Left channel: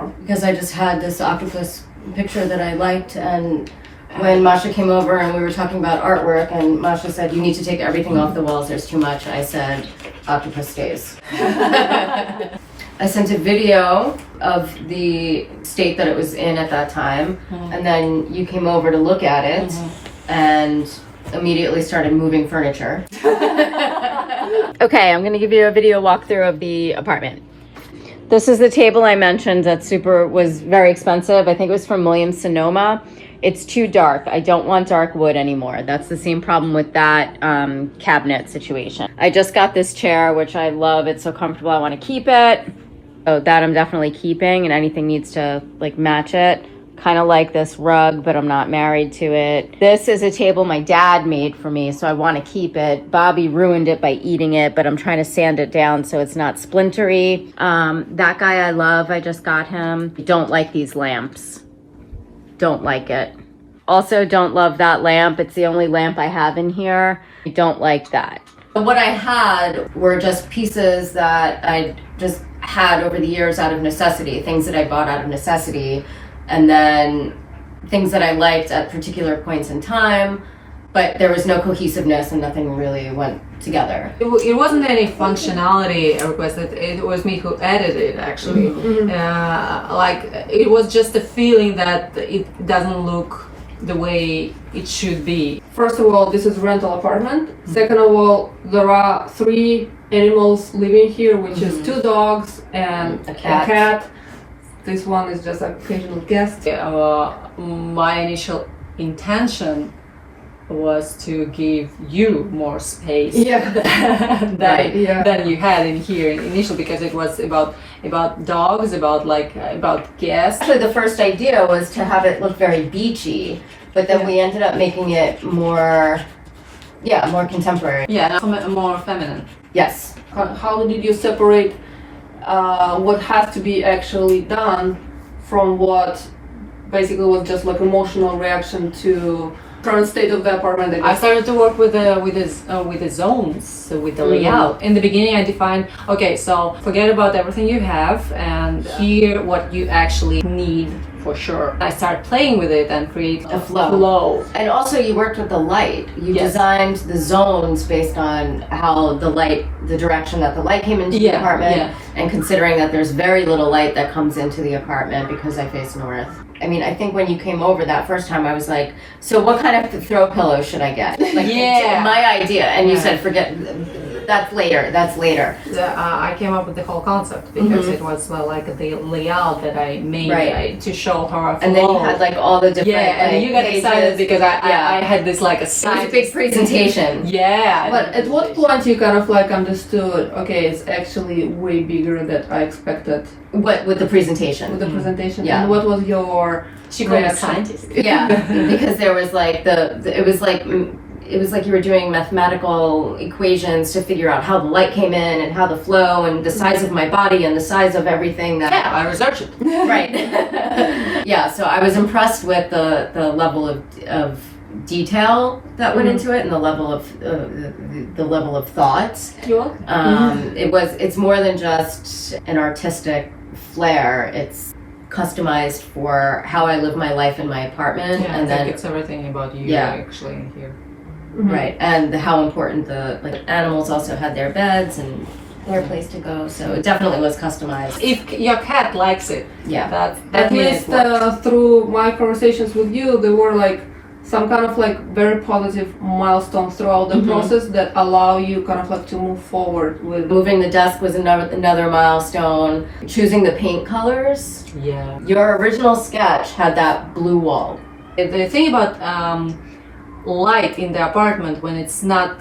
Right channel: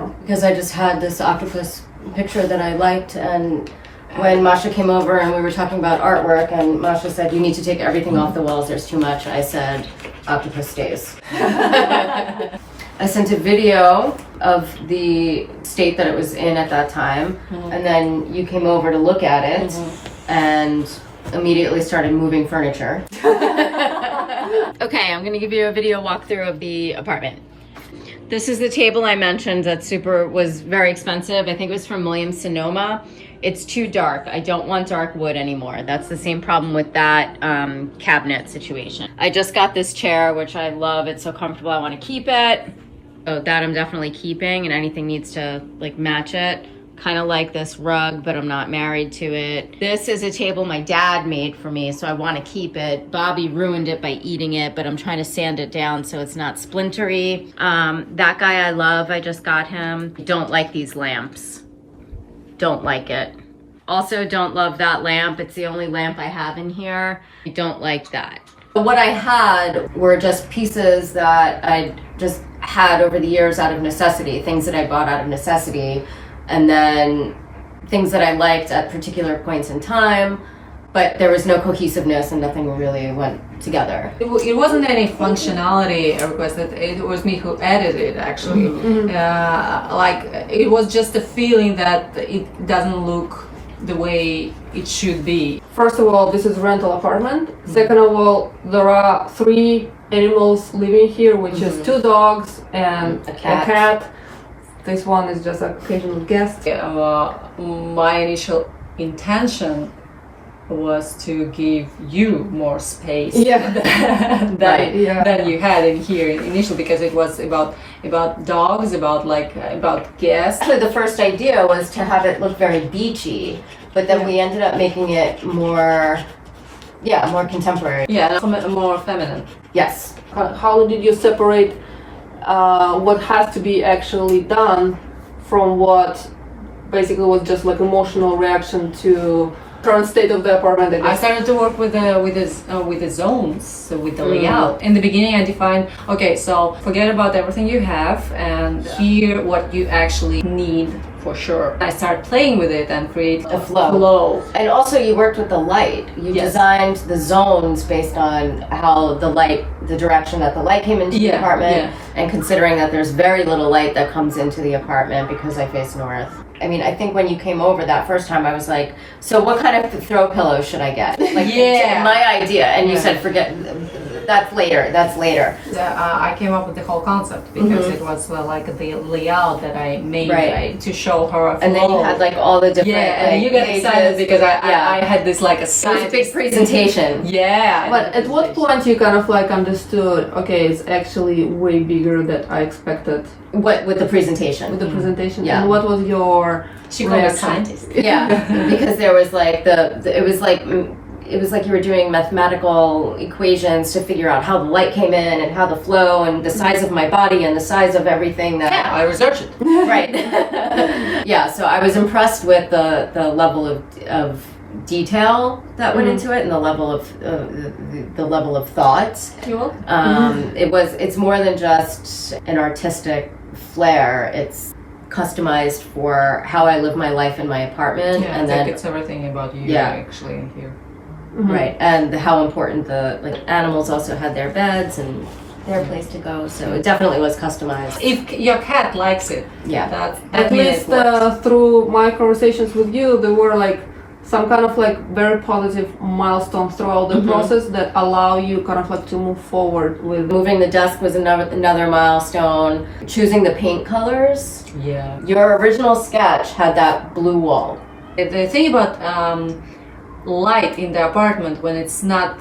from? Because I just had this octopus picture that I liked, and when Masha came over and we were talking about artwork, and Masha said, you need to take everything off the walls, there's too much, I said, octopus stays. I sent a video of the state that it was in at that time, and then you came over to look at it, and immediately started moving furniture. Okay, I'm gonna give you a video walkthrough of the apartment. This is the table I mentioned that was very expensive. I think it was from Williams Sonoma. It's too dark. I don't want dark wood anymore. That's the same problem with that cabinet situation. I just got this chair, which I love. It's so comfortable, I wanna keep it. So that I'm definitely keeping, and anything needs to like match it. Kind of like this rug, but I'm not married to it. This is a table my dad made for me, so I want to keep it. Bobby ruined it by eating it, but I'm trying to sand it down so it's not splintery. That guy I love, I just got him. Don't like these lamps. Don't like it. Also don't love that lamp. It's the only lamp I have in here. I don't like that. What I had were just pieces that I just had over the years out of necessity, things that I bought out of necessity. And then things that I liked at particular points in time, but there was no cohesiveness and nothing really went together. It wasn't any functionality request, it was me who added it actually. Like it was just a feeling that it doesn't look the way it should be. First of all, this is rental apartment. Second of all, there are 3 animals living here, which is 2 dogs and a cat. This one is just an occasional guest. My initial intention was to give you more space than you had in here initially, because it was about dogs, about guests. Actually, the first idea was to have it look very beachy, but then we ended up making it more contemporary. Yeah, more feminine. Yes. How did you separate what has to be actually done from what basically was just like emotional reaction to current state of the apartment? I started to work with the zones, so with the layout. In the beginning, I defined, okay, so forget about everything you have and here what you actually need for sure. I started playing with it and create a flow. And also you worked with the light. You designed the zones based on how the direction that the light came into the apartment, and considering that there's very little light that comes into the apartment because I face north. I mean, I think when you came over that first time, I was like, so what kind of throw pillow should I get? Like, my idea. And you said, forget, that's later. I came up with the whole concept because it was like the layout that I made to show her a flow. And then you had like all the different and you got pages. excited because I had this like a It was a big presentation. But at what point you kind of like understood, okay, it's actually way bigger than I expected? What, with the presentation? With the presentation? Yeah. And what was your She called me a scientist. Yeah, because there was like it was like you were doing mathematical equations to figure out how the light came in and how the flow and the size of my body and the size of everything that I researched it. Right. So I was impressed with the level of detail that went into it and the level of thought. It's more than just an artistic flair. It's customized for how I live my life in my apartment, and then it's everything about you actually in here. Right, and how important the animals also had their beds and their place to go, so it definitely was customized. If your cat likes it, that at least through my conversations with you, there were like some kind of like very positive milestones throughout the process that allow you kind of like to move forward with. Moving the desk was another milestone. Choosing the paint colors. Yeah. Your original sketch had that blue wall. The thing about light in the apartment when it's not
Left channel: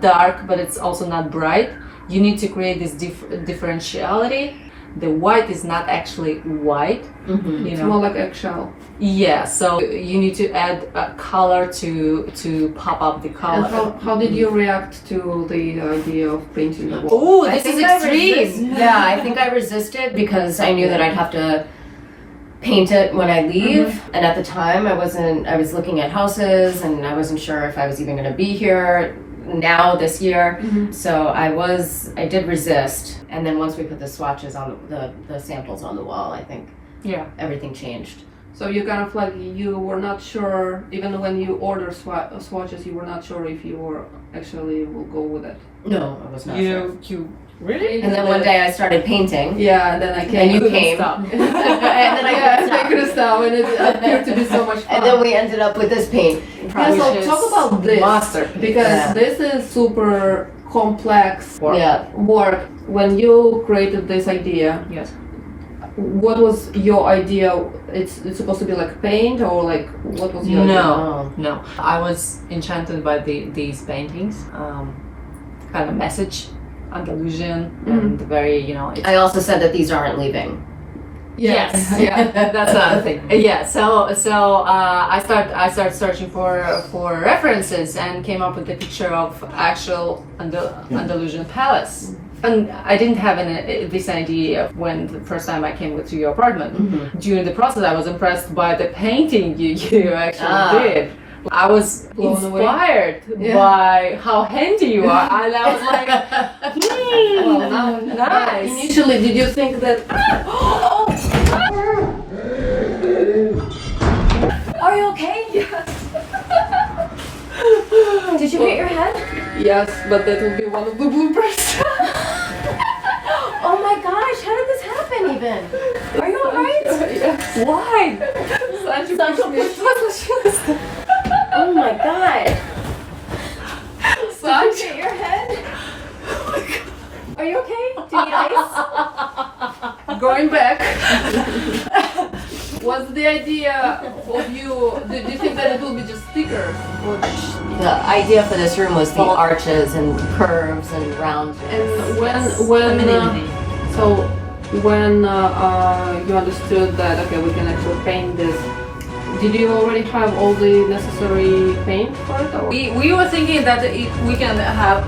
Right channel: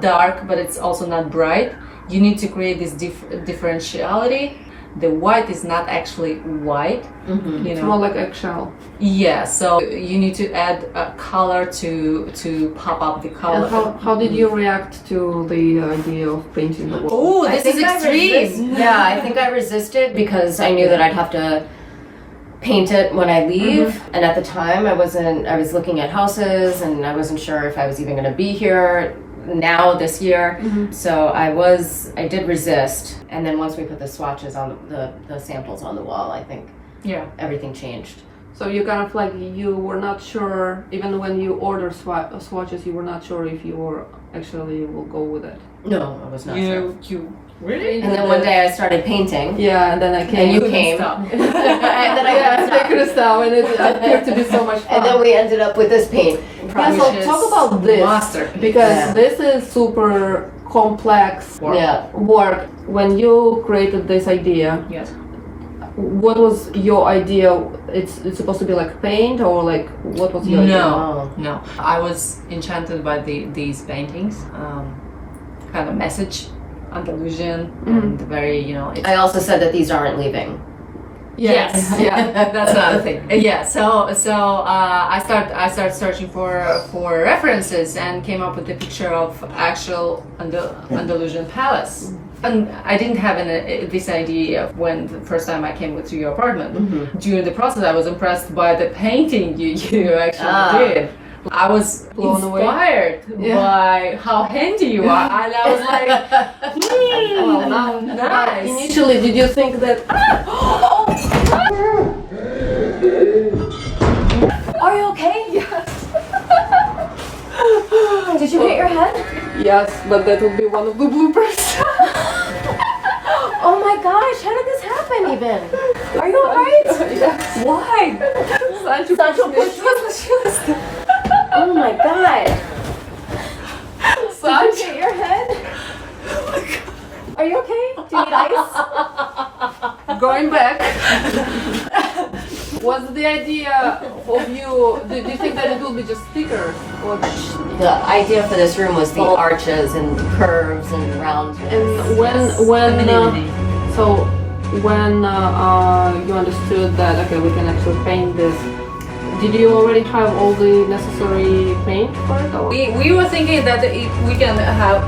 dark but it's also not bright, you need to create this differentiality. The white is not actually white. It's more like eggshell. Yeah, so you need to add a color to pop up the color. And how did you react to the idea of painting the wall? Oh, this is extreme. I think I resisted because I knew that I'd have to paint it when I leave. And at the time I was looking at houses and I wasn't sure if I was even going to be here now this year. So I did resist. And then once we put the swatches on the samples on the wall, I think everything changed. So you kind of like, you were not sure, even when you ordered swatches, you were not sure if you were actually will go with it. No, I was not sure. You really? And then one day I started painting. Yeah, and then I came. And you came. Stop. And then I couldn't stop, and it appeared to be so much fun. And then we ended up with this paint. Yeah, so talk about this, master, because this is super complex Yeah. work. When you created this idea, Yes. what was your idea? It's supposed to be like paint, or like what was your idea? No. I was enchanted by these paintings. Kind of message, Andalusian, and very, I also said that these aren't leaving. Yes. Yeah, that's another thing. Yeah, so I started searching for references and came up with the picture of actual Andalusian palace. And I didn't have this idea when the first time I came to your apartment. During the process, I was impressed by the painting you actually did. I was Blown away. inspired by how handy you are, and I was like, Well, nice. Initially, did you think that? Are you okay? Yes. Did you hit your head? Yes, but that would be one of the bloopers. Oh my gosh, how did this happen even? Are you alright? Yes. Why? Sancho pushed me. Oh my god. Sancho. Did you hit your head? Are you okay? Do you need ice? Going back. What's the idea of you? Did you think that it will be just stickers, or? The idea for this room was the arches and curves and round. And when you understood that okay, we can actually paint this, did you already have all the necessary paint for it? Or? We were thinking that we can have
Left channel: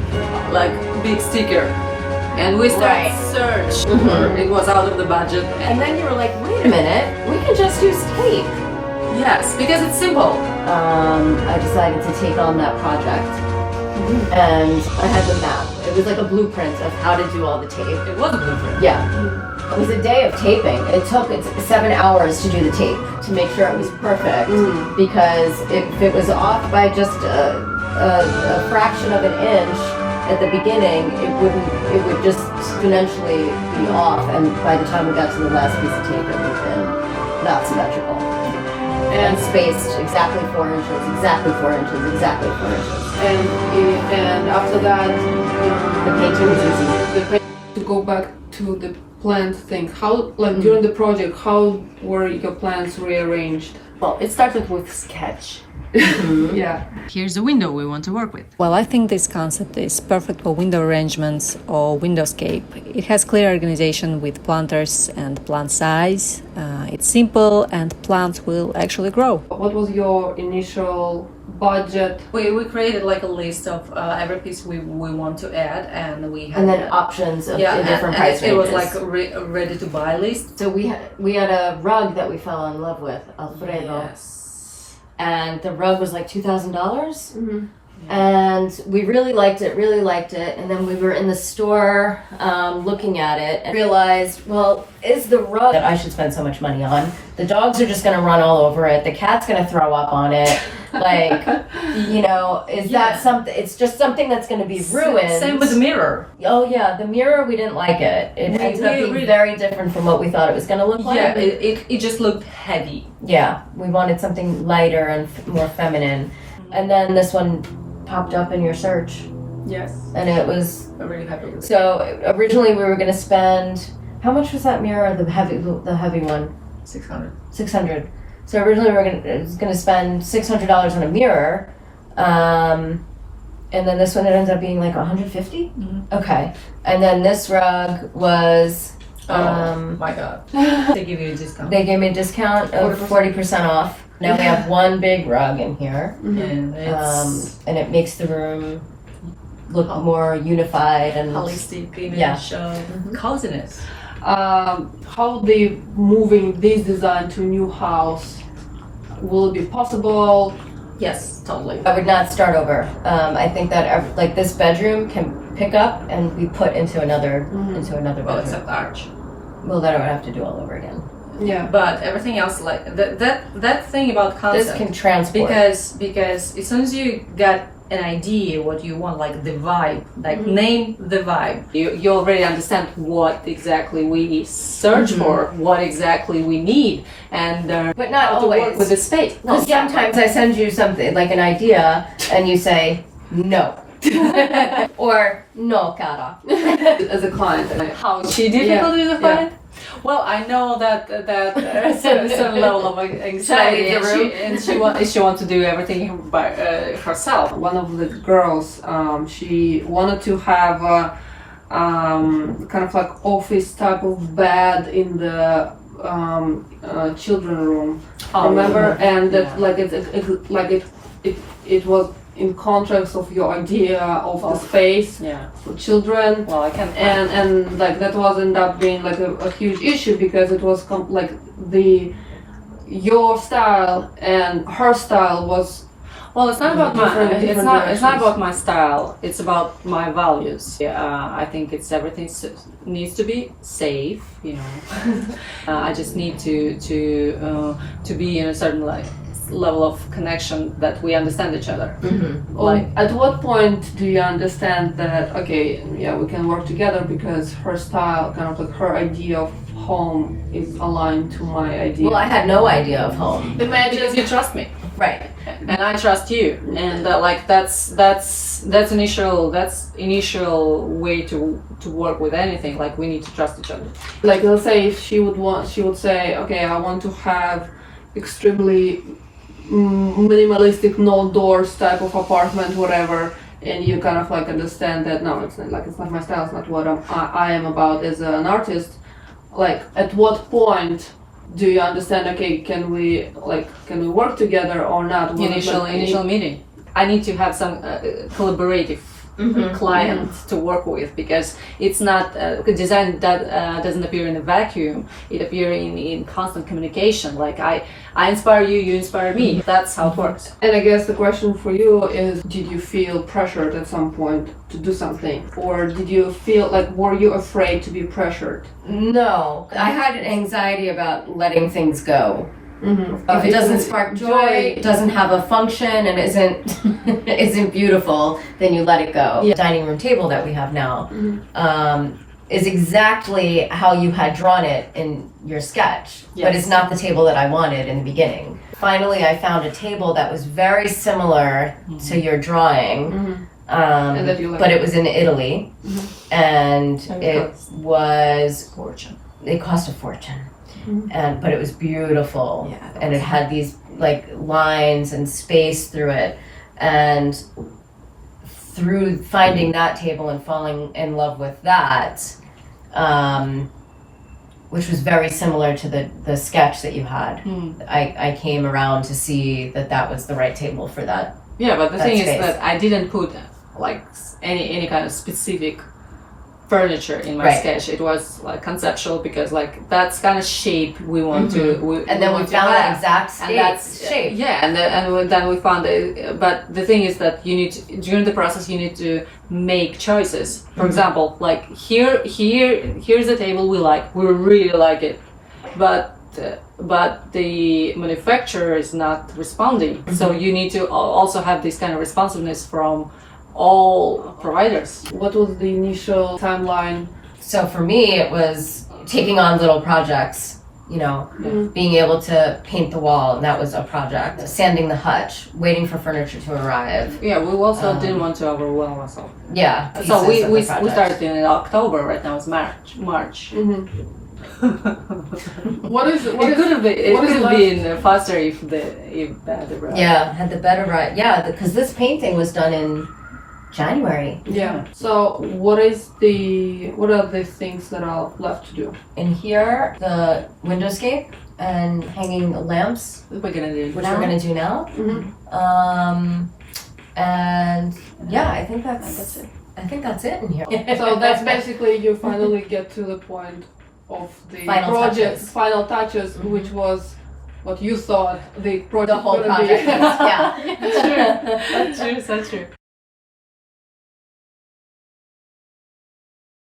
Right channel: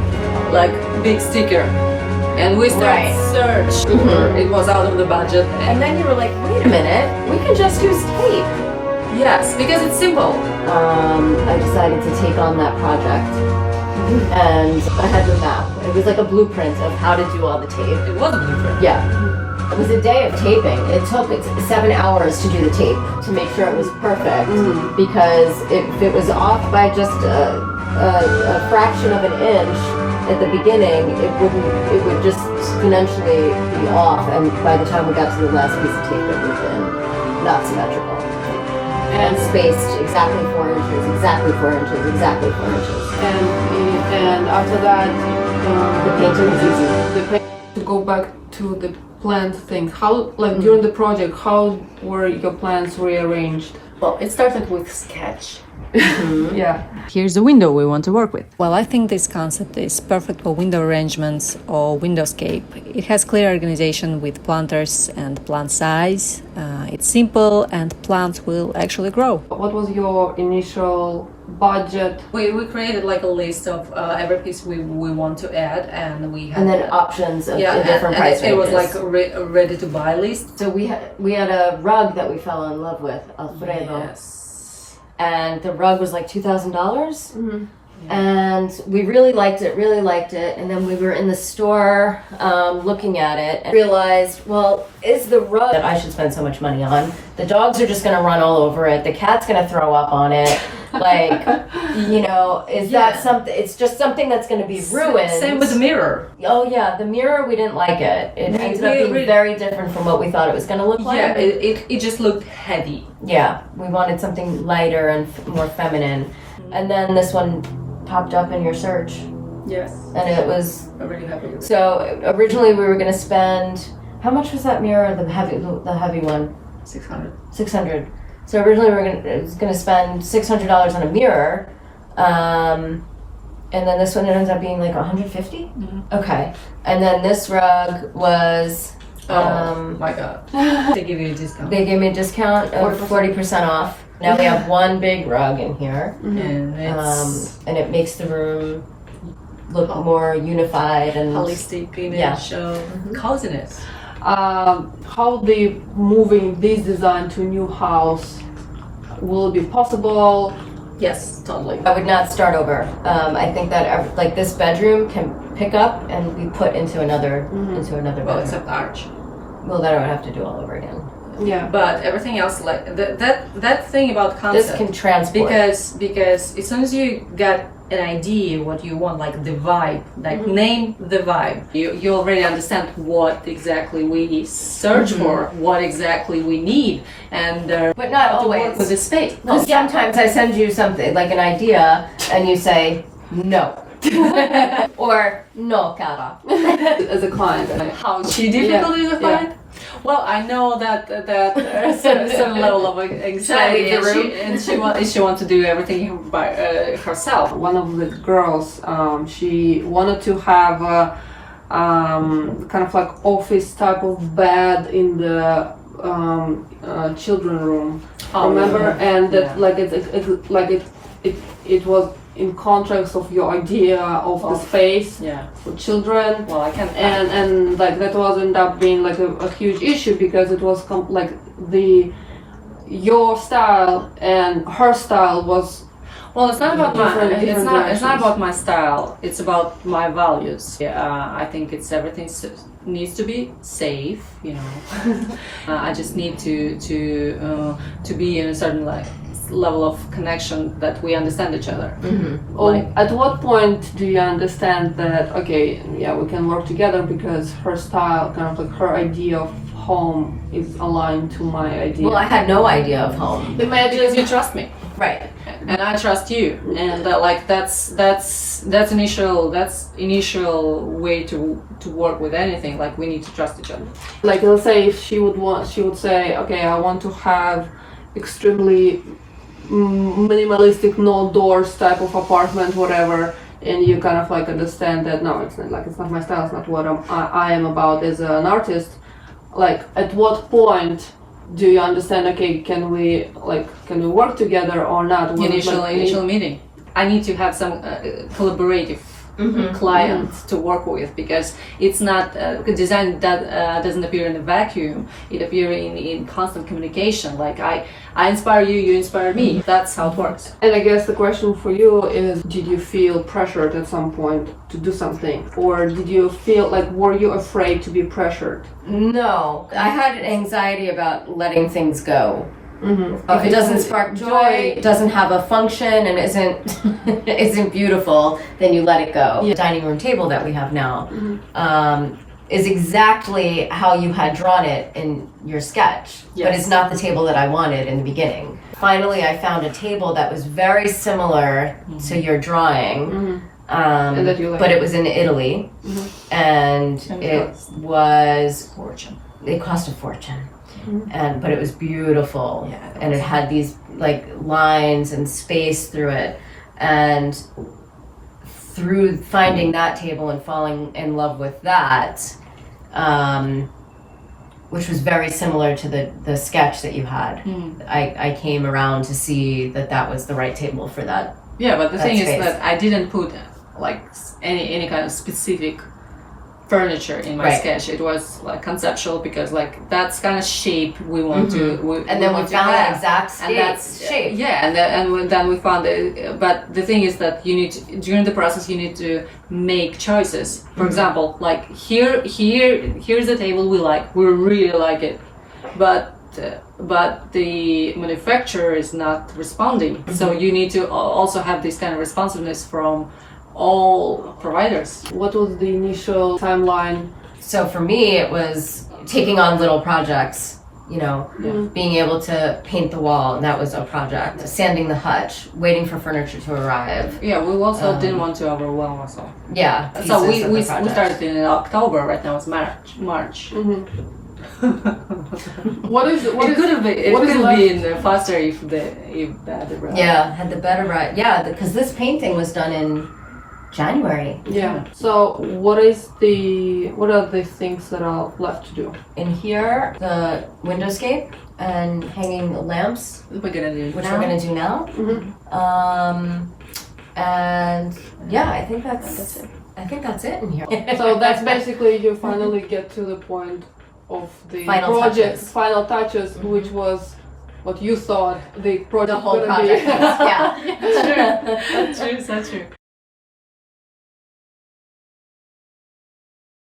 like big sticker, and we started search. It was out of the budget. And then you were like, wait a minute, we can just use tape. Yes, because it's simple. I decided to take on that project. And I had the map. It was like a blueprint of how to do all the tape. It was a blueprint. Yeah. It was a day of taping. It took 7 hours to do the tape to make sure it was perfect. Because if it was off by just a fraction of an inch at the beginning, it would just exponentially be off. And by the time we got to the last piece of tape, it would have been not symmetrical. And spaced exactly 4 inches, exactly 4 inches, exactly 4 inches. And after that, The painting was easy. To go back to the plant thing, how during the project, how were your plants rearranged? Well, it started with sketch. Yeah. Here's the window we want to work with. Well, I think this concept is perfect for window arrangements or windowscape. It has clear organization with planters and plant size. It's simple and plants will actually grow. What was your initial budget? We created like a list of every piece we want to add, and we had And then options of in different and price it ranges. was like a ready to buy list. So we had a rug that we fell in love with, Alfredo. Yes. And the rug was like $2,000. And we really liked it. And then we were in the store looking at it and realized, well, is the rug that I should spend so much money on? The dogs are just going to run all over it. The cat's going to throw up on it. Like, is that something? It's just something that's going to be ruined. Same with the mirror. Oh yeah, the mirror, we didn't like it. It ended up being very different from what we thought it was going to look like. Yeah, it just looked heavy. Yeah, we wanted something lighter and more feminine. And then this one popped up in your search. Yes. And it was... I'm really happy with it. So originally we were going to spend... How much was that mirror, the heavy one? 600. 600. So originally we were going to spend $600 on a mirror. And then this one, it ends up being like 150? Okay. And then this rug was... my God. They give you a discount. They gave me a discount of 40% off. Now we have one big rug in here. And it's And it makes the room look more unified and holistic image of coziness. How moving this design to a new house will it be possible? Yes, totally. I would not start over. I think that like this bedroom can pick up and be put into another Well, bedroom. except Arch. Well, then I would have to do all over again. Yeah, but everything else, like that thing about concept. This can transport. Because as soon as you got an idea what you want, like the vibe, like name the vibe, you already understand what exactly we search for, what exactly we need, and But not how to work always. with the space. Because sometimes I send you something like an idea, and you say no, or no, cara. As a client, and how she difficult is a client. Well, I know that there's some level of anxiety, leave the room? and she wants to do everything by herself. One of the girls, she wanted to have a kind of like office type of bed in the children room. Remember, and that like it was in contrast of your idea of the space for children. Well, I can. And like that was end up being like a huge issue because it was like your style and her style was. Well, it's not about Different it's not directions. about my style. It's about my values. I think it's everything needs to be safe. You know, I just need to be in a certain level of connection that we understand each other. At what point do you understand that okay, yeah, we can work together because her style, kind of like her idea of home, is aligned to my idea? Well, I had no idea of home. Because you trust me, Right. and I trust you, and that's initial way to work with anything. Like we need to trust each other. Like let's say if she would say, okay, I want to have extremely minimalistic, no doors type of apartment, whatever, and you kind of like understand that no, it's not my style, it's not what I am about as an artist. Like at what point do you understand, okay, can we work together or not? Initial meeting. I need to have some collaborative client to work with, because it's not design that doesn't appear in a vacuum. It appears in constant communication. Like I inspire you, you inspire me. That's how it works. And I guess the question for you is, did you feel pressured at some point to do something, or did you feel like, were you afraid to be pressured? No, I had an anxiety about letting things go. If it doesn't spark joy, doesn't have a function, and isn't beautiful, then you let it go. The dining room table that we have now is exactly how you had drawn it in your sketch, but it's not the table that I wanted in the beginning. Finally, I found a table that was very similar to your drawing, but it was in Italy, and it was Fortune. it cost a fortune. But it was beautiful, and it had these like lines and space through it, and through finding that table and falling in love with that, which was very similar to the sketch that you had, I came around to see that was the right table for that. Yeah, but the thing space. is that I didn't put like any kind of specific furniture in my sketch. It was like conceptual, because like that's kind of shape we want to. And then we found that have. exact shape. Yeah, and then we found it. But the thing is that you need to, during the process, you need to make choices. For example, like here's a table we really like it, but the manufacturer is not responding. So you need to also have this kind of responsiveness from all providers. What was the initial timeline? So for me, it was taking on little projects, being able to paint the wall, and that was a project. Sanding the hutch, waiting for furniture to arrive. Yeah, we also didn't want to overwhelm ourselves. Yeah. So we started in October. Right now it's March. It could have been faster if that arrived. Yeah, had the better right. Yeah, because this painting was done in January. Yeah. So what are the things that are left to do? In here, the windowscape and hanging lamps, We're gonna do which we're gonna do now. And yeah, I think that's it. I think that's it in here. So that's basically you finally get to the point of the Final project, touches. final touches, which was what you thought the project The whole gonna be. project is, yeah. That's true. So true.